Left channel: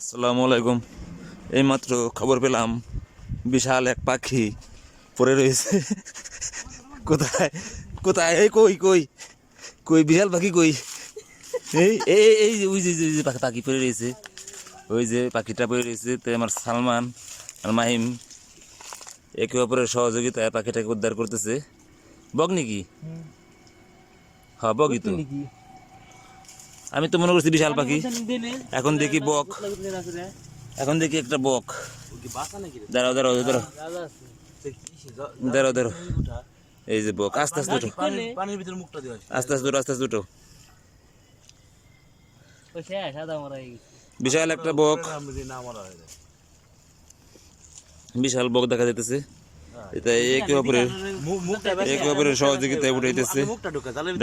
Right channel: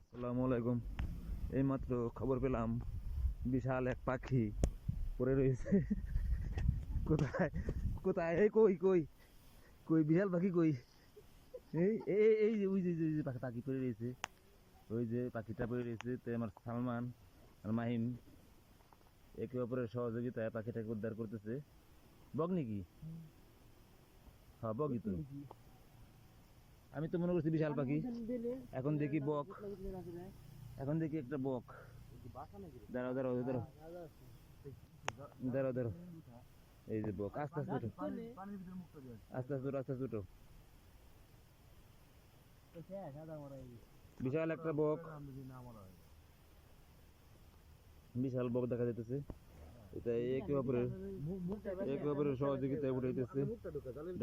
আসসালামু আলাইকুম। এইমাত্র খবর পেলাম বিশাল এক পাখি পড়ে রয়েছে। কোথায় কোথায়? এই কই কই কই বিশাল পাখি কই? এই এই এই যে ওই যে ওই যে পাখি পাখি পড়ে রয়েছে, ওই যে পাখিটা পড়ে রয়েছে। তো আমার সালমান আর মাহিম একে অপরের সহযোগিতায় পাখিটাকে উদ্ধার করতেছে। বক নাকি? হ্যাঁ বকই তো। আমি তো মনে করছি বিশাল পাখি, এখন দেখি বক। এখন দেখি একটা বক। দাঁড়াও দাঁড়াও দাঁড়াও দাঁড়াও দাঁড়াও, এই যে বক। আস্তে আস্তে উঠো, পানির ভিতরে মুখটা দিয়ে আস্তে আস্তে উঠো, আস্তে আস্তে উঠো। বিশাল একটা বক, বিশাল বক দেখা যাইতেছে। এটা একে অপরের সহযোগিতায় উঠাইতেছে।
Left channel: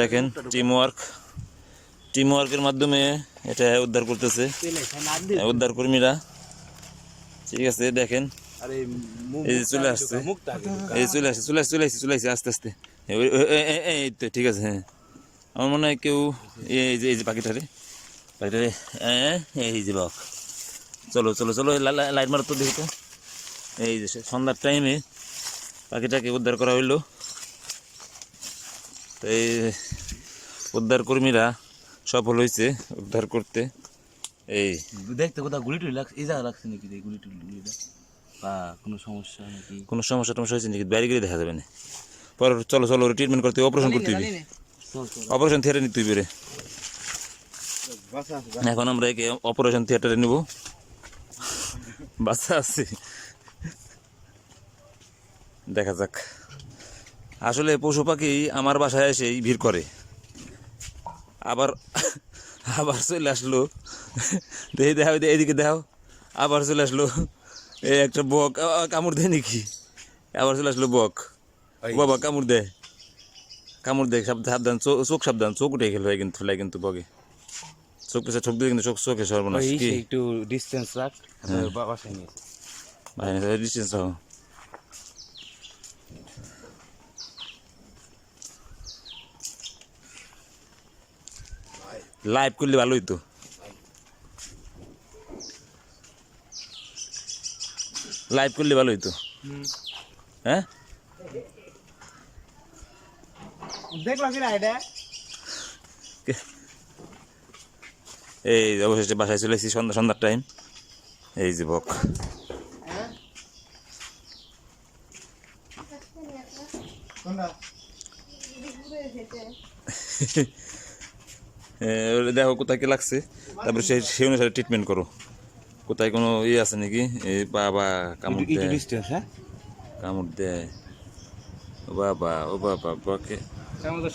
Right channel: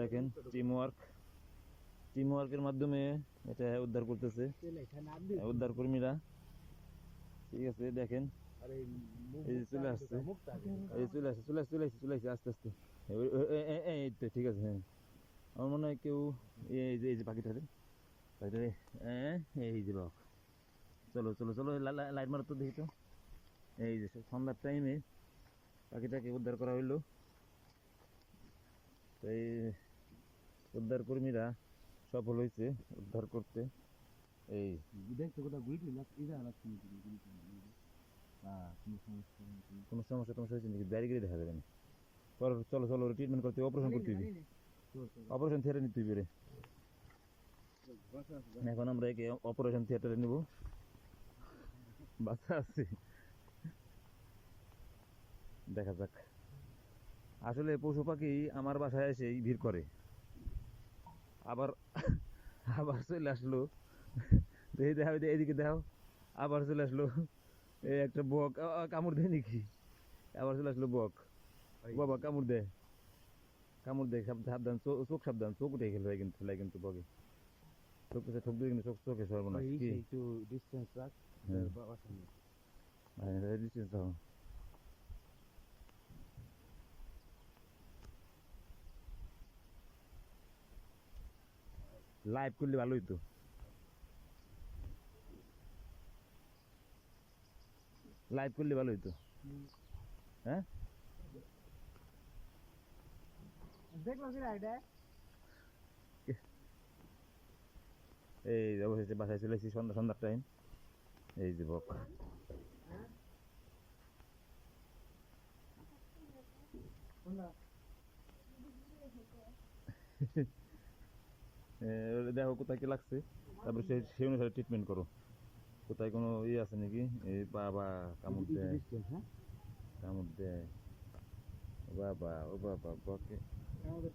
দেখেন টিম ওয়ার্কের মাধ্যমে এটা উদ্ধার করতেছে উদ্ধার কর্মীরা। ঠিক আছে, দেখেন এই যে চলে আসছে, এই চলে আসছে চলে আসছে চলে আসছে চলে আসছে আস্তে আস্তে। এই তো ঠিক আছে। হ্যাঁ, আমার মনে হয় কেউ এই যে পাখিটারে এই যে বক। চলো চলো চলো, লাইট মারো তো দেখি তো। এই যে সন্ধ্যার টাইমে পাখিটাকে উদ্ধার করা হইলো। তো এই উদ্ধার কর্মীরা সফল হয়েছে উদ্ধার করতে। এই দেখতে কোথাও গুলি টুলি লাগছে, এই জায়গা লাগছে নাকি গুলি টুলি বা কোনো সমস্যা নাকি? কোনো সমস্যা টমস্যা হয়েছে নাকি? বাইরে গেলে দেখা যাবে না। পরে চলো চলো, ট্রিটমেন্ট করতে অপারেশন করতে হবে, অপারেশন থিয়েটারে নিতে হইবে রে। এখন আমরা একে অপারেশন থিয়েটারে নিব। বাচ্চা আছে, দেখা যাক। আসলে পশু পাখি আমার বাসায় এসেই ভিড় করে, আবার আবার চলে আসলো। দেখি দেখাও, এদিকে দেখাও। আবার চলে আসলো এই একটা বক। কামড় দেয় নাকি? আবার চলে আসলো বক। বাবা কামড় দেয়, কামড় দেয়। সাবধান, চোখ সাবধান, চোখ উঠে গেল কিন্তু বকে। চোখ পেছনে ঠোক দিয়ে কিন্তু চোখে সর্বনাশ। কি একটু ডিস্টেন্স রাখ, বাসায় নিয়েছে ভাই, ডিস্টেন্স রাখো। লাইভ করলে ভালো হইতো। লাইভ করলে ভালো হইতো। হ্যাঁ, দেখলাম কি না এটা। এই অবশেষে বাসায় চলে এসেছি সন্ধ্যার টাইম। এই যে বক। দেখো কোথায় কি লাগছে, তারপরে সেই অনুসারে ট্রিটমেন্ট করো। কোথায় কোনো ইয়ে আছে নাকি? এই বাবা কামড় দেয়, কামড় দেয়। ও বাবা ও বাবা বকে।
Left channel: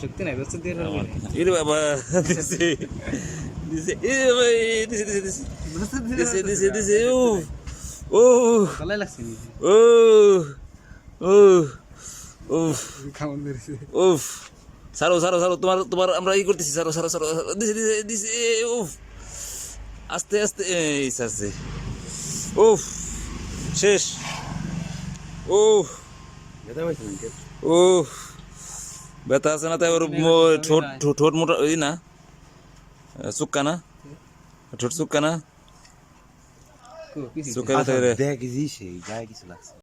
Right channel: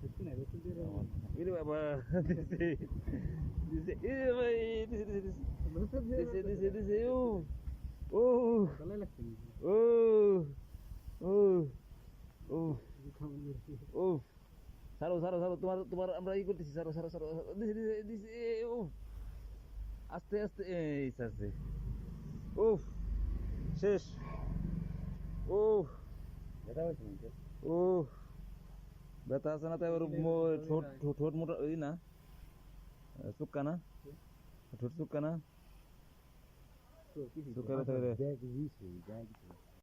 শক্তি নাই ইরে বাবা, দিছে দিছে, এ বাবা, দিছে দিছে দিছে দিছে দিছে দিছে। ও ও লাগছে ও ও ও ও, সারো সারো সারো, তোমার তোমার আমরা ই করতেছি। সারো সারো সারো, দিছে দিছে দিছে। উফ, আস্তে আস্তে, এই সারছে। উফ, শেষ। উফ উফ, ব্যথা আছে না? তাই ওর ঠোঁট ঠোঁট মোটা ওই না, চুক্কা না, ঠোঁট চুক্কা না, চুক্কা দেখ কিছু লাগছে।